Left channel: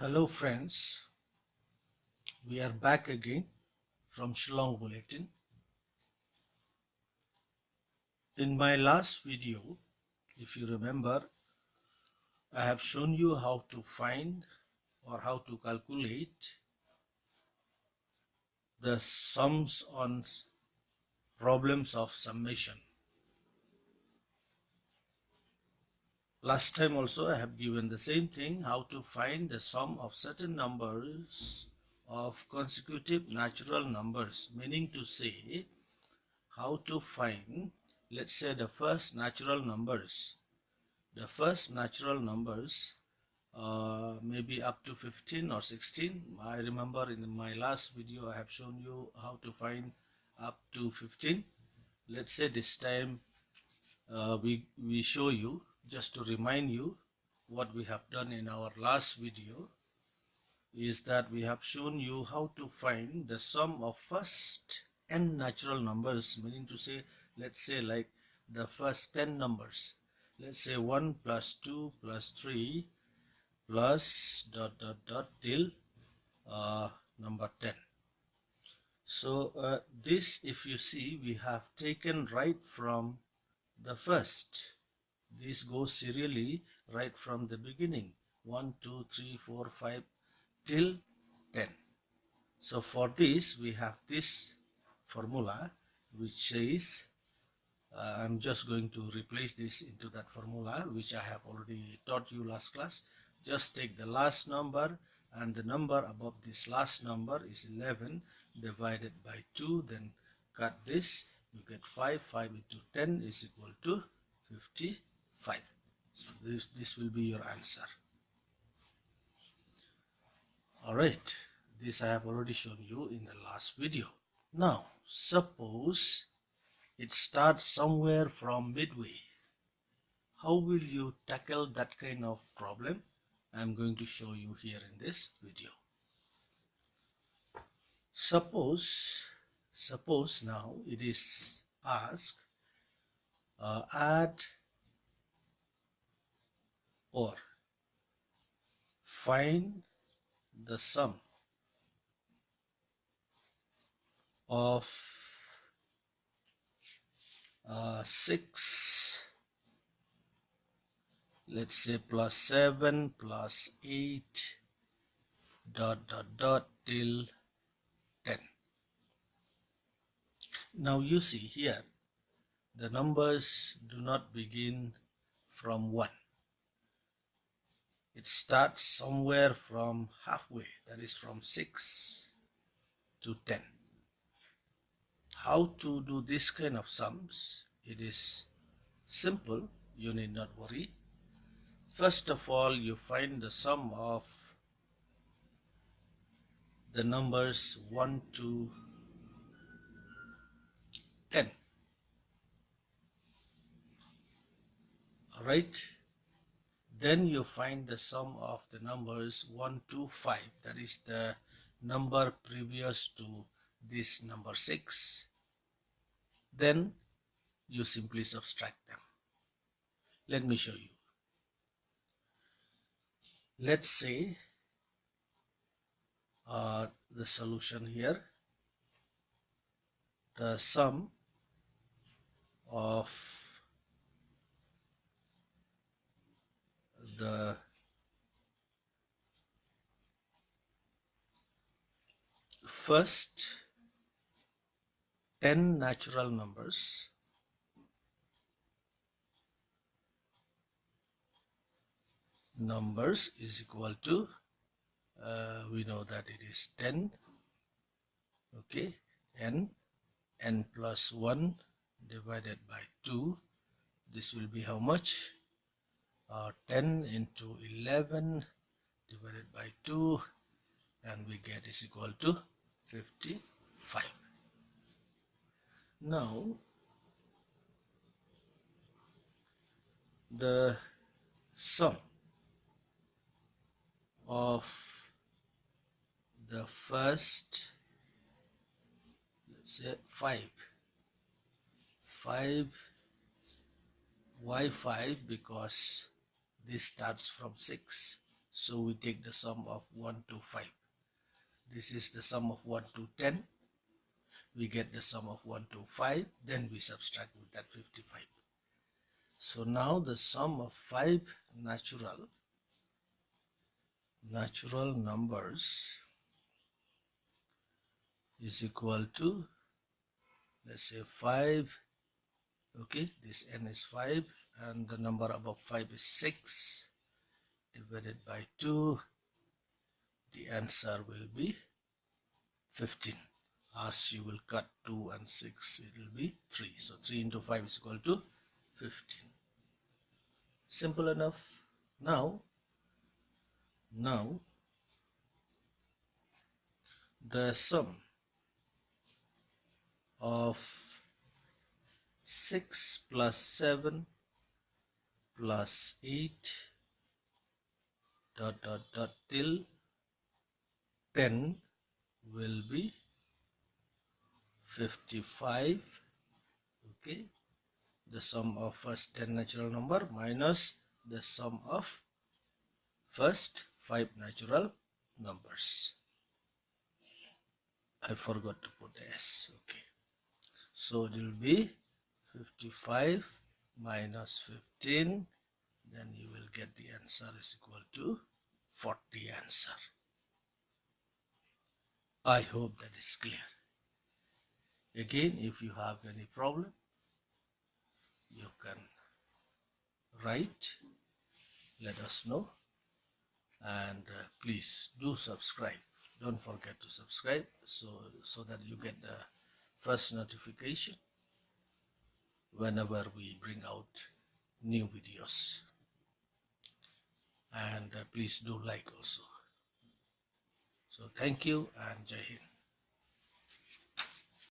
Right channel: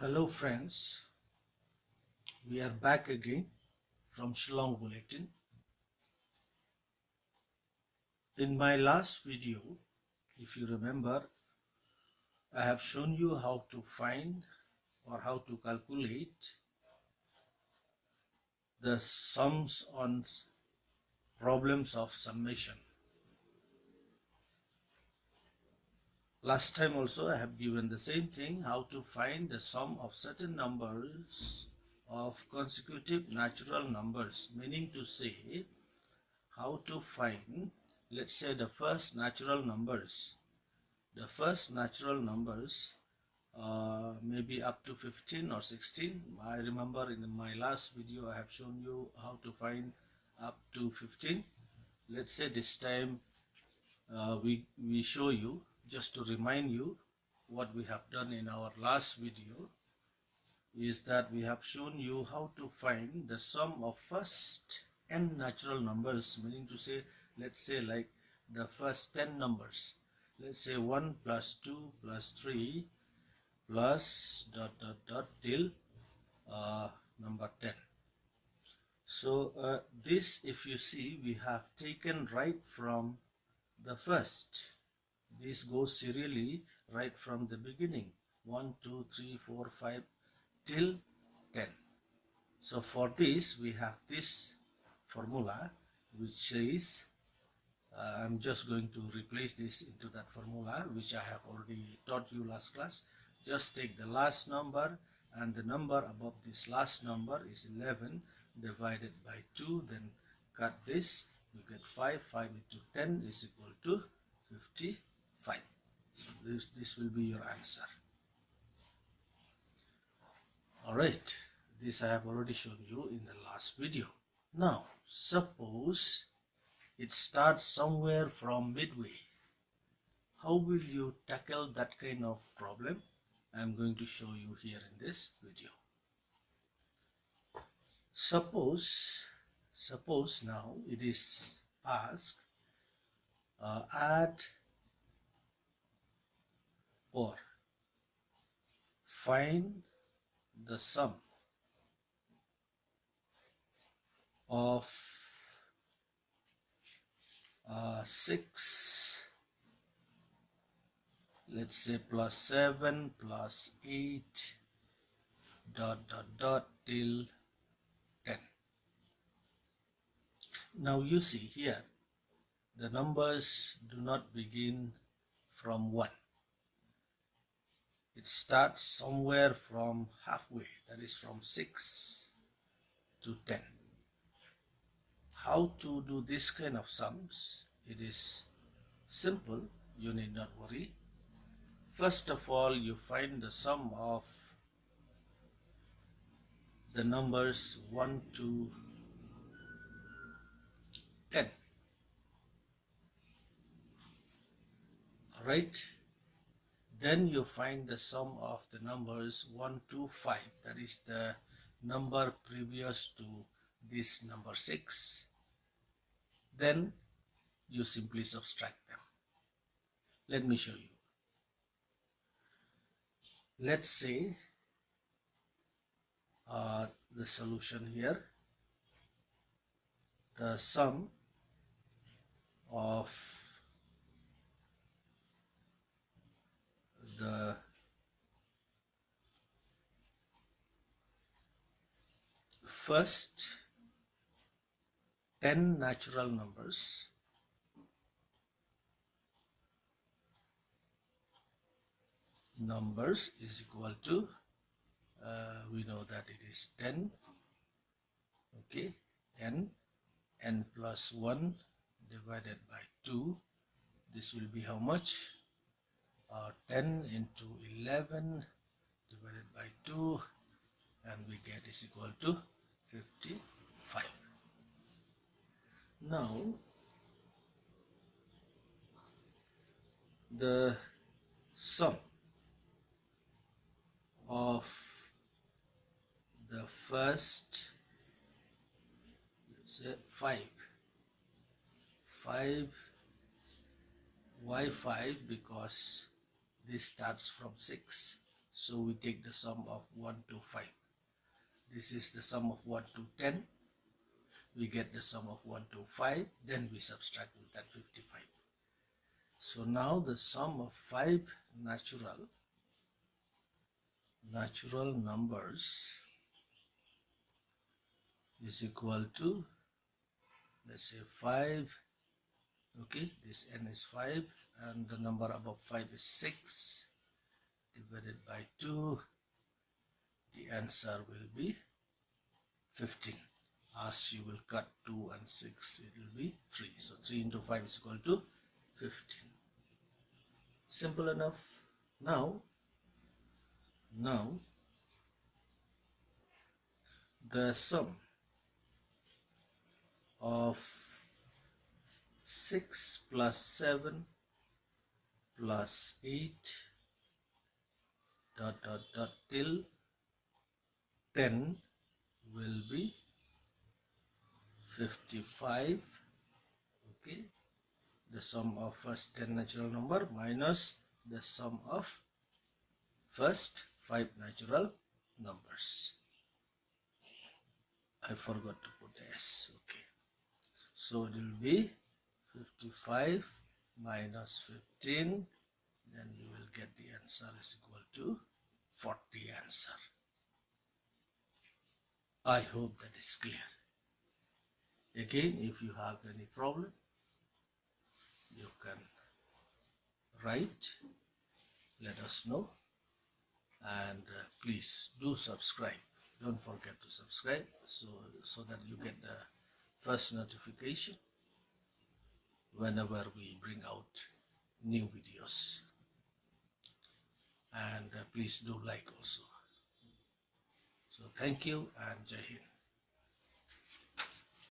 Hello friends, we are back again from Shillong Bulletin. In my last video, if you remember, I have shown you how to find or how to calculate the sums on problems of summation. Last time also I have given the same thing, how to find the sum of certain numbers of consecutive natural numbers, meaning to say how to find, let's say, the first natural numbers maybe up to 15 or 16. I remember in my last video I have shown you how to find up to 15. Let's say this time we show you, just to remind you what we have done in our last video, is that we have shown you how to find the sum of first n natural numbers, meaning to say, let's say like the first 10 numbers, let's say 1 plus 2 plus 3 plus ... till number 10. So this, if you see, we have taken right from the first. This goes serially right from the beginning, 1 2 3 4 5 till 10. So for this we have this formula, which says I'm just going to replace this into that formula which I have already taught you last class. Just take the last number, and the number above this last number is 11 divided by 2, then cut this, you get 5. 5 into 10 is equal to 55. So this will be your answer. Alright, this I have already shown you in the last video. Now suppose it starts somewhere from midway. How will you tackle that kind of problem? I am going to show you here in this video. Suppose now it is asked add or find the sum of 6, let's say, plus 7 plus 8 ... till 10. Now you see here the numbers do not begin from 1. It starts somewhere from halfway, that is from 6 to 10. How to do this kind of sums? It is simple, you need not worry. First of all, you find the sum of the numbers 1 to 10. Alright, then you find the sum of the numbers 1 to 5, that is the number previous to this number 6. Then you simply subtract them. Let me show you. Let's say the solution here, the sum of the first 10 natural numbers is equal to, we know that it is 10, okay, n plus 1 divided by 2. This will be how much? 10 into 11 divided by 2, and we get is equal to 55. Now the sum of the first, let's say 5. Why 5? Because this starts from 6. So we take the sum of 1 to 5. This is the sum of 1 to 10. We get the sum of 1 to 5. Then we subtract with that 55. So now the sum of 5 natural numbers is equal to, let's say 5. Okay, this n is 5 and the number above 5 is 6 divided by 2. The answer will be 15. As you will cut 2 and 6, it will be 3. So 3 into 5 is equal to 15. Simple enough. Now the sum of 6 plus 7 plus 8 till 10 will be 55. Okay, the sum of first 10 natural number minus the sum of first 5 natural numbers. I forgot to put S. Okay, so it will be 55 minus 15. Then you will get the answer is equal to 40 answer. I hope that is clear. Again, if you have any problem, you can write, let us know, and please do subscribe. Don't forget to subscribe so that you get the first notification whenever we bring out new videos. And please do like also. So thank you and Jai Hind.